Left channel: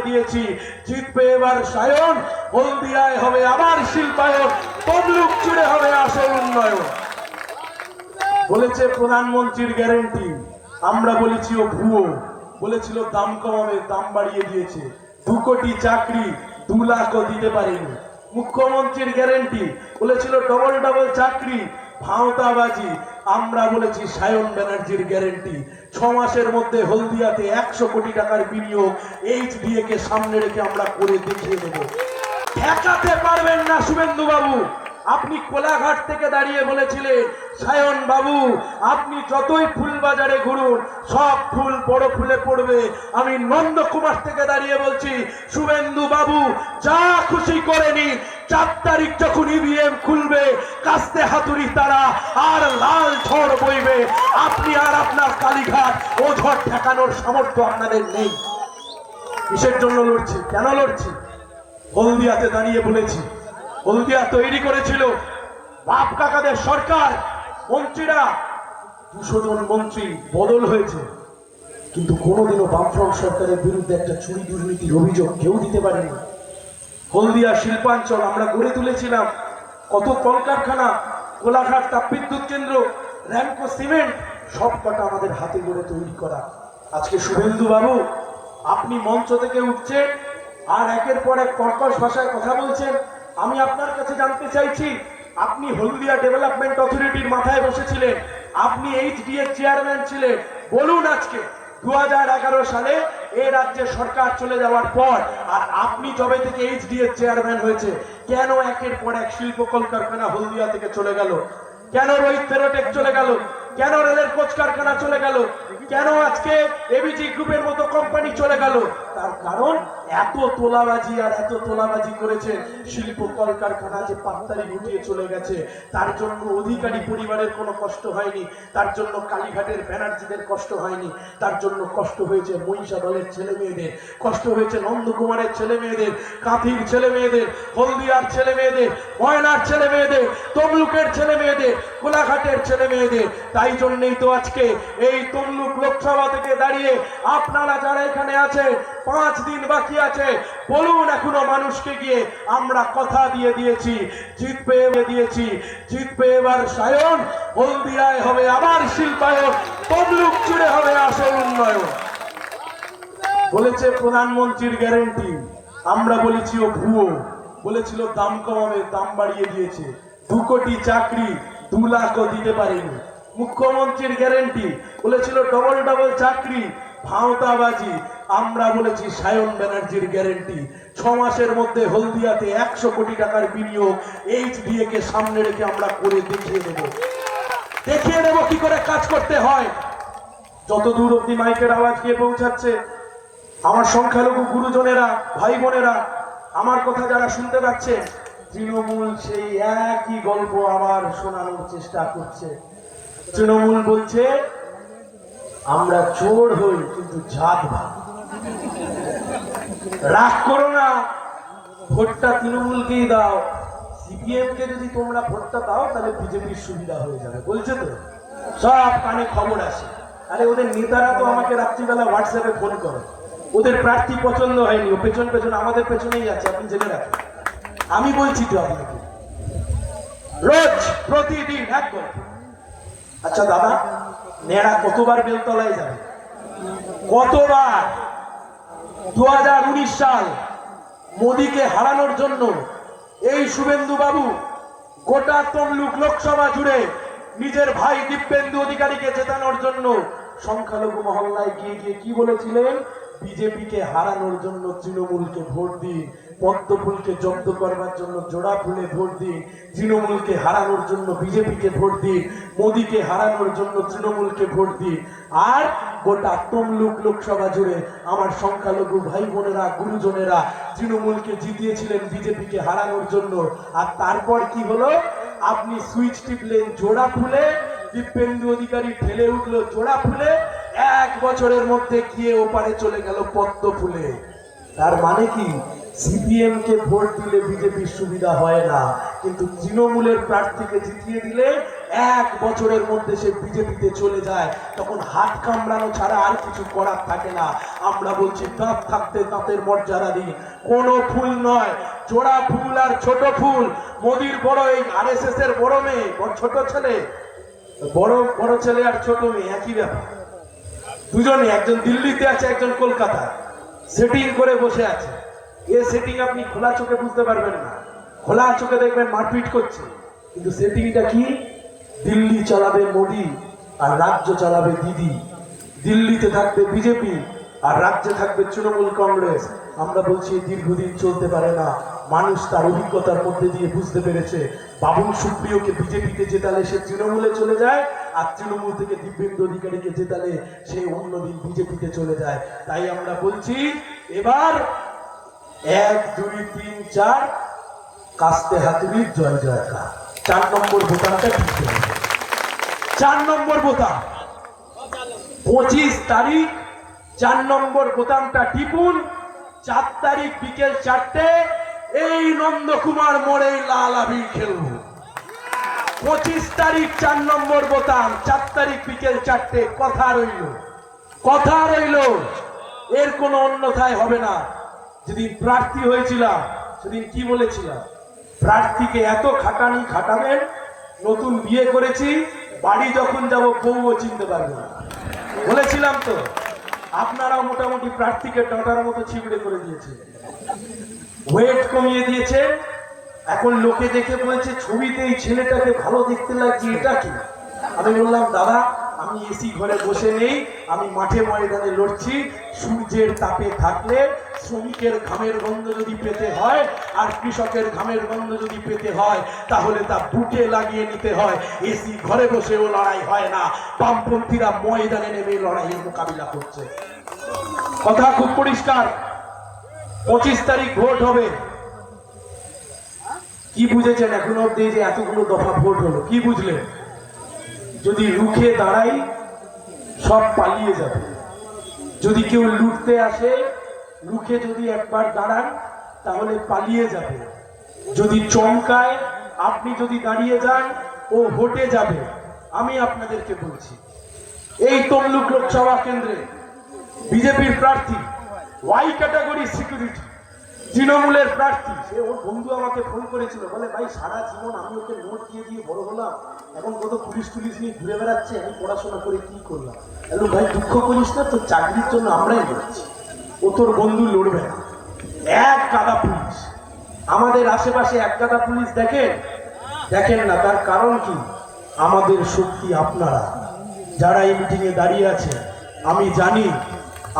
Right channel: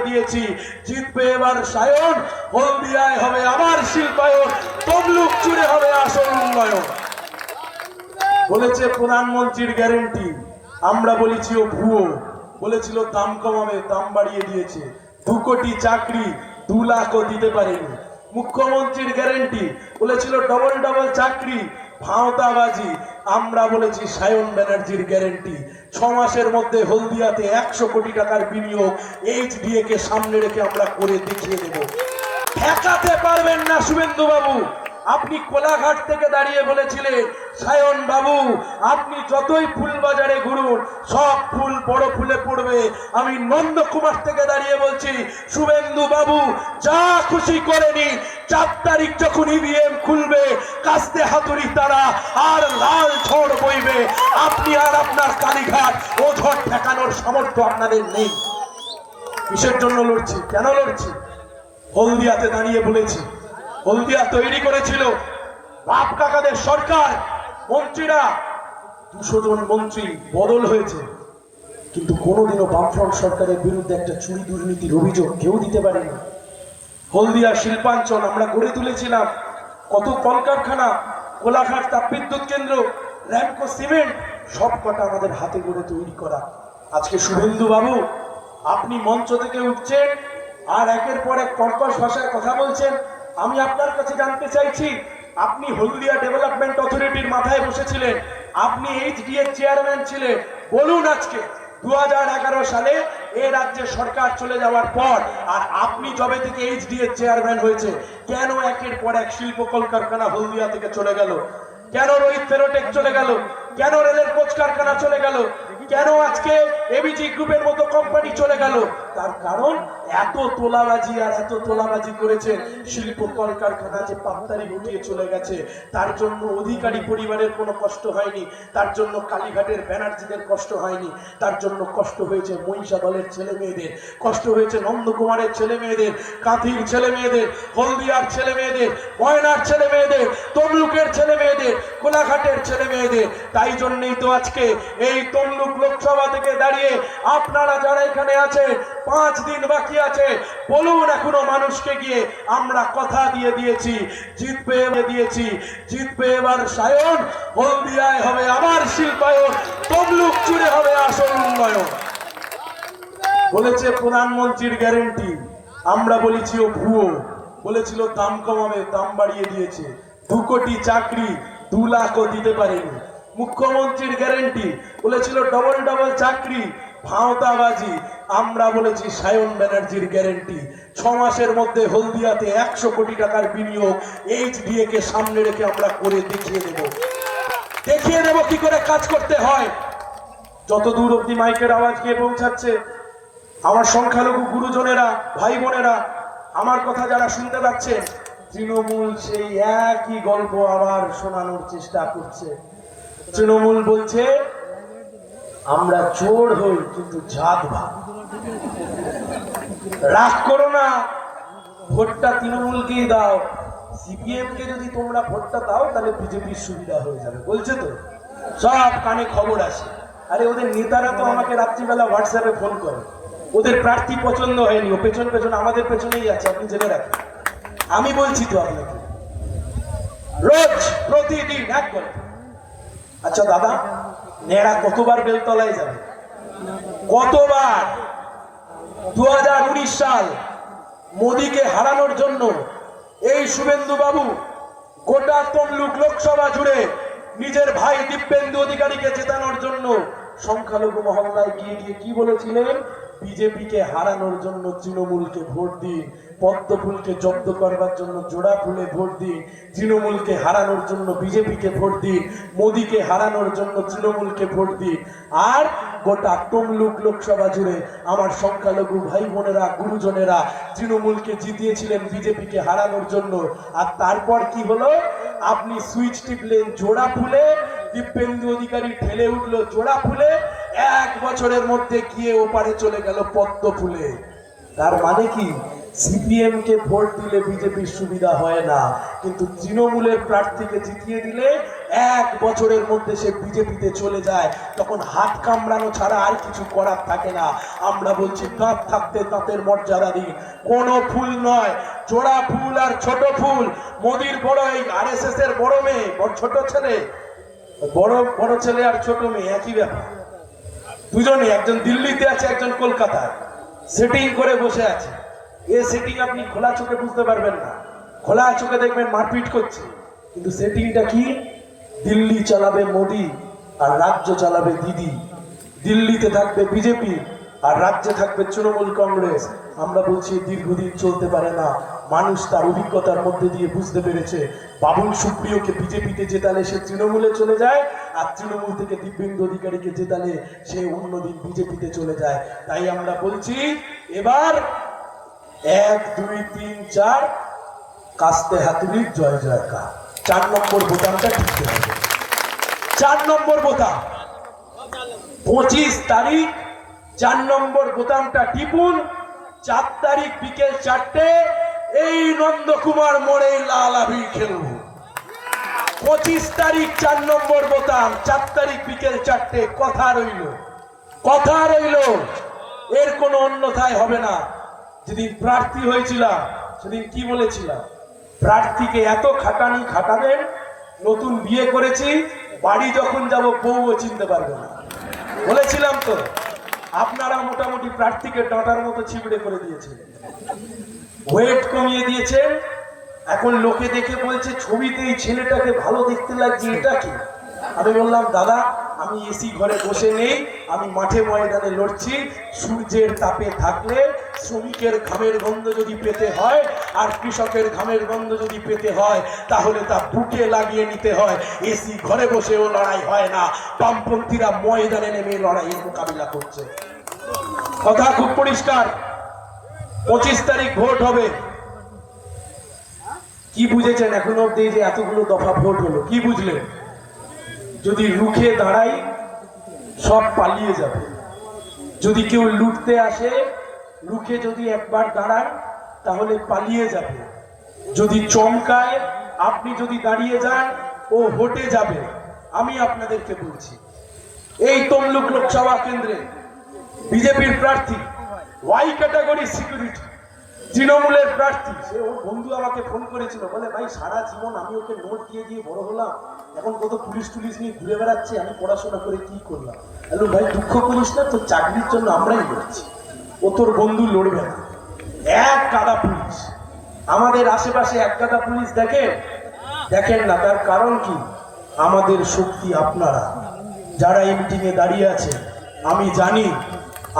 দিয়েছি। জিতবে এবার সায়ন, হলদিয়ায় হবে আবার শিল্পায়ন, তমলুক জুড়ে হবে আসল উন্নয়ন। বলেছে প্রধানমন্ত্রীর গ্যারেন্টি। আমরা বলেছি ও ভুয়ো। বলেছিল দাম কমাবে, দাম বাড়িয়ে দিয়েছে। দু কোটি চাকরি, দু লাখও দিতে পারেনি। মুখ্যমন্ত্রীর গ্যারেন্টি। বলেছিল ডবল ডবল চাকরি, ভাওতাবাজি। আমরা বলেছি সায়ন ব্যানার্জির গ্যারেন্টি। ছ মাসের মধ্যে হলদিয়াতে একশো কোটি টাকার বিনিয়োগ এইচ কে সামনে রেখে আমরা করে দেখিয়ে দেব। ঠেকাতে পারবেন না শুভেন্দু বাবু আপনি কোলাঘাট থেকে দাঁড়িয়ে বলেছিলেন, সায়ন বাবু, আপনি যতই ফুল বাজারে ঘুরুন, সব ফুল বড় ফুলে পড়বে। আমি নন্দকুমার থেকে দাঁড়িয়ে বলছি, শুভেন্দু বাবু, যা খুশি করে নিন। চার তারিখ যখন ইভিএম খুলবে, কাস্তে হাতুড়ি তারা আর লাল ঝড় বইবে। আপনি আর আপনার কালীঘাট ও ঝড় ঠেকানোর সামর্থ্য আপনাদের নেই। কিসের জন্য লড়ছি? কেন লড়ছি? হলদিয়াতে দাঁড়িয়ে বলেছি। হলদিয়া তৈরি করেছিল। বাপ কাকাদের সরকার, মন্ত্রীরা। দুশো জন মন্ত্রী বদল হয়েছে। কিন্তু কোনোদিনও বামফ্রন্ট সরকারের বিরুদ্ধে একটা চুরি দুর্নীতির অভিযোগ কেউ দিতে পারেনি। হলদিয়া শিল্পাঞ্চল আমরা গড়ে তুলেছিলাম। কত কলকারখানা, কোলাঘাট তাপবিদ্যুৎ কেন্দ্র র্যাঙ্কো সিমেন্ট সব কটা আমাদের হাতে গড়ে তৈরি করা। আজকে শুভেন্দু বাবু আপনি মঞ্চ থেকে উঠছেন আর একের পর এক কর্কশ ভাষায় কথা বলছেন। আমি আপনার কাছে জানতে চাইছি, আপনি হলদিয়া ডেভেলপমেন্ট অথরিটির মাথায় বসেছিলেন। আপনি এইচডিএ চেয়ারম্যান ছিলেন। বলুন আজকে দু সালে এ রাজ্যে সরকার চলে যাওয়ার পর, আর আপনি যবে থেকে এইচডিএ চেয়ারম্যান হয়েছে, কেন একের পর এক শিল্প কলকারখানা হলদিয়া থেকে চলে গেল? কেন রোহিত ফেরোটেক চলে গেল? কেন রেলের কোচ কারখানা চলে গেল? কেন আজকে এবিজি গ্রুপের মতো কোম্পানি চলে গেল? তার কারণ এত তোলাবাজি আর এত তোলাবাজি করেছে, শিল্প কলকারখানা যে পাত্তারি গুটিয়ে চলে গেছে, তার জন্য অধিকারী পরিবারের কোনো কষ্ট হয়নি, তার জন্য কালীঘাটের ব্যানার্জিদের কষ্ট হয়নি, তার জন্য কষ্ট হয়েছে মহিষাদলের ছেলে মেয়েদের কষ্ট হয়েছে নন্দকুমারের ছেলে মেয়েদের কাঁথির ছেলে মেয়েদের হলদিয়ার ছেলে মেয়েদের ময়নার ছেলে মেয়েদের তমলুকের ছেলে মেয়েদের কোলাঘাটের ছেলে মেয়েদের তাই জন্যই তো আজকে এই তমলুক লোকসভা থেকে দাঁড়িয়ে আপনারা যারা এখানে আছেন, পাঁচ দিন বাকি আছে। বলুন এখনও মানুষকে গিয়ে, আমরা কথা দিয়ে দিয়েছি, জিতবে দিয়েছি, জিতবে এবার সায়ন, হলদিয়ায় হবে আবার শিল্পায়ন, তমলুক জুড়ে হবে আসল উন্নয়ন। বলেছে প্রধানমন্ত্রীর গ্যারেন্টি, আমরা বলেছি ও ভুয়ো, বলেছিল দাম কমাবে, দাম বাড়িয়ে দিয়েছে। দু কোটি চাকরি, দু লাখও দিতে পারেনি। মুখ্যমন্ত্রীর গ্যারেন্টি বলেছিল ডবল ডবল চাকরি, ভাওতাবাজি। আমরা বলেছি সায়ন ব্যানার্জির গ্যারেন্টি ছ মাসের মধ্যে হলদিয়াতে একশো কোটি টাকার বিনিয়োগ এইচডিএ কে সামনে রেখে আমরা করে দেখিয়ে দেব। দেখিয়ে দেব কি করে কাজ করতে হয়। যত দূর অব্দি মাইকের আওয়াজ গিয়ে পৌঁছাচ্ছে, আমার সংখ্যালঘু গুরুজনেরা ভাই বোনেরা আমার কথা যারা শুনতে পাচ্ছে, তৃণমূল সেই একই গল্প আবার শোনানোর চেষ্টা করছে। তৃণমূল বলছে, আমরা চোর হই, কিন্তু জাত ভাগ রাগ করো না, ভোটটা তৃণমূলকেই দাও। সিপিএম কে যদি তোমরা ভোটটা দাও, তাহলে বিজেপির সুবিধা হয়ে যাবে। বলছে তো? সব কানে খবর আসে আরে, ওদের নেতারা তো আমাকে রাত্রিবেলা হোয়াটসঅ্যাপে ফোন করে। ওদের প্রার্থী পছন্দ হয়নি, ও পেছন পেছন, আমাদের পেছনেই আছে, আপনি জেনে রাখেন। আমি বলছি তো আপনাকে, রোজ প্রতিদিন এক গল্প। আচ্ছা দাদা, নেড়া কতবার বেলতলায় যাবে? কতবার? দু হাজার উনিশ সাল মোদীকে হারানোর জন্য এই শুভেন্দু বাবু গোটা তমলুক লোকসভা জুড়ে নিজের ভাই দিব্যেন্দু অধিকারীকে চেতানোর জন্য সংখ্যালঘু মহল্লায় গিয়ে গিয়ে কি বলেছিলেন? বিজেপিকে হারানোর জন্য তৃণমূলকে ভোট দিন, পদ্মফুলকে জব্দ করবার জন্য জোড়া ফুলে ভোট দিন, তৃণমূলকে হারানোর জন্য বিজেপিকে ভোট দিন, মোদীকে হারানোর জন্য তৃণমূলকে ভোট দিন। আর গোটা তমলুক লোকসভা জুড়ে আমার সংখ্যালঘু ভাই বোনেরা, গুরুজনেরা তৃণমূলকে জিতিয়েছিলেন বিজেপিকে হারানোর জন্য। আর তারপর কি হলো? আপনি সুইচ টিপলেন জোড়া খুলে, দিব্যেন্দু অধিকারী ঠেলে উঠল জোড়া ফুলে এক বছরের মধ্যে গিয়ে ওপারে চলে গেল পদ্ম ফুলে। তার মানে কি? সিপিএম কে ভোট দিলে বিজেপির সুবিধা হয় না। কিন্তু তৃণমূলের প্রার্থীকে জিতিয়ে দিলে এক বছরের মধ্যে সে বিজেপিতে চলে যায়। তখন হাত কামড়ানো ছাড়া আর কিছু করার থাকে না। আমরা বলছি দাঁত থাকতে দাঁতের মর্যাদা দিন। কোনো ফুল নয়। জোড়া ফুল আর ছোট ফুল। মোদির বড় এই আর এস এস এর বড় মেয়ে ছোট ছেলে। বড় বড় ছেলে আর ছোট মেয়ে, একই ব্যাপার। দুজনে একজন দিল্লিতে আছে, একজন কলকাতায়। সেটিং করে বসে আছে। এ সেটিং আপনি খোলা চোখে বুঝতে পারবেন না। খোলা চোখে দেখবেন মারপিট করছে। কিন্তু সেটিংটা কি? দিল্লি চালাবে মোদি আর রাজ্য চালাবে দিদি। দিল্লিতে থাকবে বিজেপি আর রাজ্যে থাকবে তৃণমূল কংগ্রেস। আমরা বলছি, দীর্ঘদিন চলতে পারে না। মানুষ তার অভিজ্ঞতার মধ্যে দিয়ে বুঝতে পেরেছে। বাবুল সুপ্রিয়কে বিজেপিতে জেতালে সে তৃণমূলে চলে যায় আর তৃণমূল থেকে দিব্যেন্দু অধিকারীকে জেতালে সে অন্যদিন বিজেপিতে চলে যায়। তাই আমরা বলছি, এবার এক, দুই, তিন, চার। কাস্তে হাতুড়ির জয়, জয়কার। চার নম্বর বোতামটা টিপতে হবে চার নম্বর বোতাম। পঁচিশ তারিখ, চার নম্বর বোতামটা টিপুন। চার তারিখ বিকেল চারটে, এই নন্দকুমার মোড়েই লাল আবির খেলব পঁচিশ তারিখ চার নম্বর বোতাম, চার তারিখ বিকেল চারটে, কথা রইল। কথা রইল। এর কোনো অন্যথায় হবে না। যেদিন প্রার্থী হয়েছিলাম, সেদিন কি বলেছিলাম? প্রার্থীকে এত খাটানি খাটাবেন, নতুন বিয়ে করেছি, বাড়ি যখন যাব বউও চিনতে পারব না। বলেছিলাম তো, আপনারা মোটামুটি প্রার্থীকে ডাঁটার মতো ছিবড়ে করে দিয়েছিলেন ওয়েট কমিয়ে দিয়েছে এখন লোকে দেখে বলছে, ছবিতে এই ছেলেটাকে ভালো দেখতে লাগছে, এটা কি? আমি বললাম, দাদা আমি এসি ঘরে বসে নেই, আমি মাঠে ময়দানে লড়ছি, সূর্যের তাপে থাকলে শ্রমিকের ঘামের গন্ধ যদি পেতে হয়, আর কৃষকের ঘামের গন্ধ যদি পেতে হয়, তাহলে তা বুকে লাগিয়ে নিতে হয়। এসি ঘরে বসেও লড়াই হয় না। বামপন্থীরা ময়দানে নেমে লড়াইয়ের মোকাবিলা করছে। কথা খুব পরিষ্কার। পঁচিশ তারিখ ভোট হবে। কি বুঝেছেন এখন অব্দি যে এতগুলো দফা ভোট হলো? কি বুঝলেন? যদি রুখে দাঁড়াই, সব পালিয়ে যাবে। যদি কেউ লুটতে আসে, রুখে যদি একবার দাঁড়ান, তাহলে পালিয়ে যাবে। যদি চমকায়, আপনি যদি দাঁড়িয়ে যান, ও হটে যাবে। আমি আপনাদেরকে বলছি, এই তমলুক লোকসভা কেন্দ্রে বিজেপির প্রার্থী ওয়াই ক্যাটাগরি সিকিউরিটি তৃণমূলের প্রার্থী, সে ওর বন্ধু আমাকে ফোন করেছিল, বলে, ভাই, সারা জীবন আমি ওকে নোট দিয়ে দিয়ে বড় হলাম, এখন কত পুলিশ টুলিশ নিয়ে ঘুরে বেড়াচ্ছে, আমি পড়াশোনা করে কি করলাম? হ্যালো ভাই, দুঃখ করিস না, তোর চাকরির জন্য আমরাই লড়ছি, ও তোর বন্ধু লড়বে না, এক গাদা পুলিশ, আমাদের আশেপাশে এক গাদা পুলিশ দেখেন? দেখেন না, তার কারণ কি? আমাদের শক্তি আপনারা, যারা এই মিটিংয়ে দাঁড়িয়ে আছে, আমি জানি,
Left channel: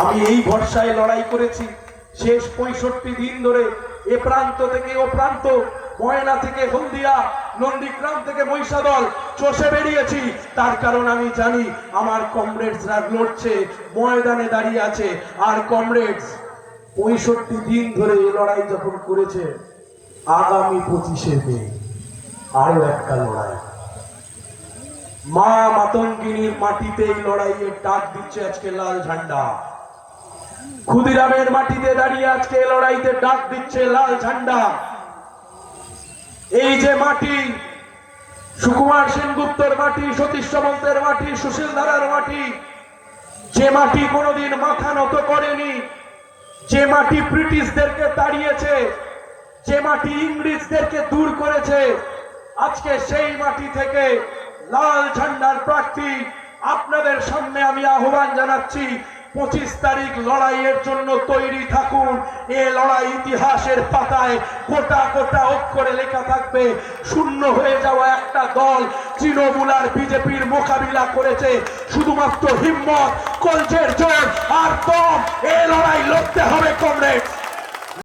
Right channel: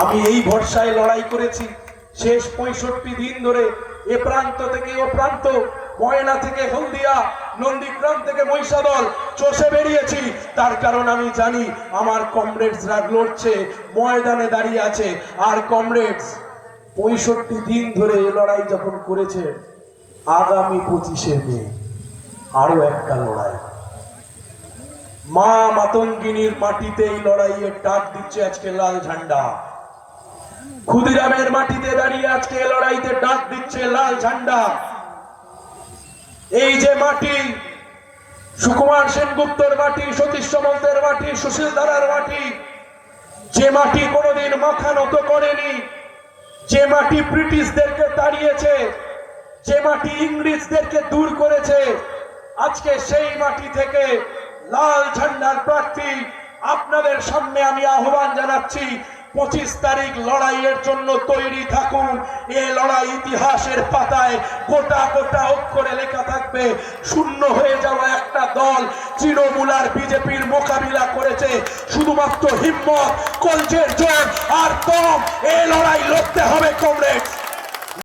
আমি এই ভরসায় লড়াই করেছি শেষ পঁয়ষট্টি দিন ধরে এ প্রান্ত থেকে ও প্রান্ত, ময়না থেকে হলদিয়া, নন্দীগ্রাম থেকে মহিষাদল চষে বেরিয়েছি। তার কারণ আমি জানি, আমার কমরেডসরা লড়ছে, ময়দানে দাঁড়িয়ে আছে। আর কমরেডস পঁয়ষট্টি দিন ধরে এ লড়াই যখন করেছে, আগামী পঁচিশে মে আরও একটা লড়াই। মা মাতঙ্গিনীর মাটিতে এই লড়াইয়ের ডাক দিচ্ছে আজকে লাল ঝান্ডা। ক্ষুদিরামের মাটিতে দাঁড়িয়ে আজকে লড়াইতে ডাক দিচ্ছে লাল ঝান্ডা। এই যে মাটি, সুকুমার সেনগুপ্তর মাটি সতীশ সামন্তের মাটি, সুশীল দাদার মাটি, যে মাটি কোনোদিন মাথা নত করেনি, যে মাটি ব্রিটিশদেরকে তাড়িয়েছে, যে মাটি ইংরেজদেরকে দূর করেছে, আজকে সেই মাটি থেকে লাল ঝান্ডার প্রার্থী আপনাদের সামনে আমি আহ্বান জানাচ্ছি। পঁচিশ তারিখ লড়াইয়ের জন্য তৈরি থাকুন। এ লড়াই ইতিহাসের পাতায় গোটা গোটা অক্ষরে লেখা থাকবে, শূন্য হয়ে যাওয়া একটা দল তৃণমূল আর বিজেপির মোকাবিলা করেছে। শুধুমাত্র হিম্মত কলচের জোর আর কম এ লড়াই লড়তে হবে কমরেড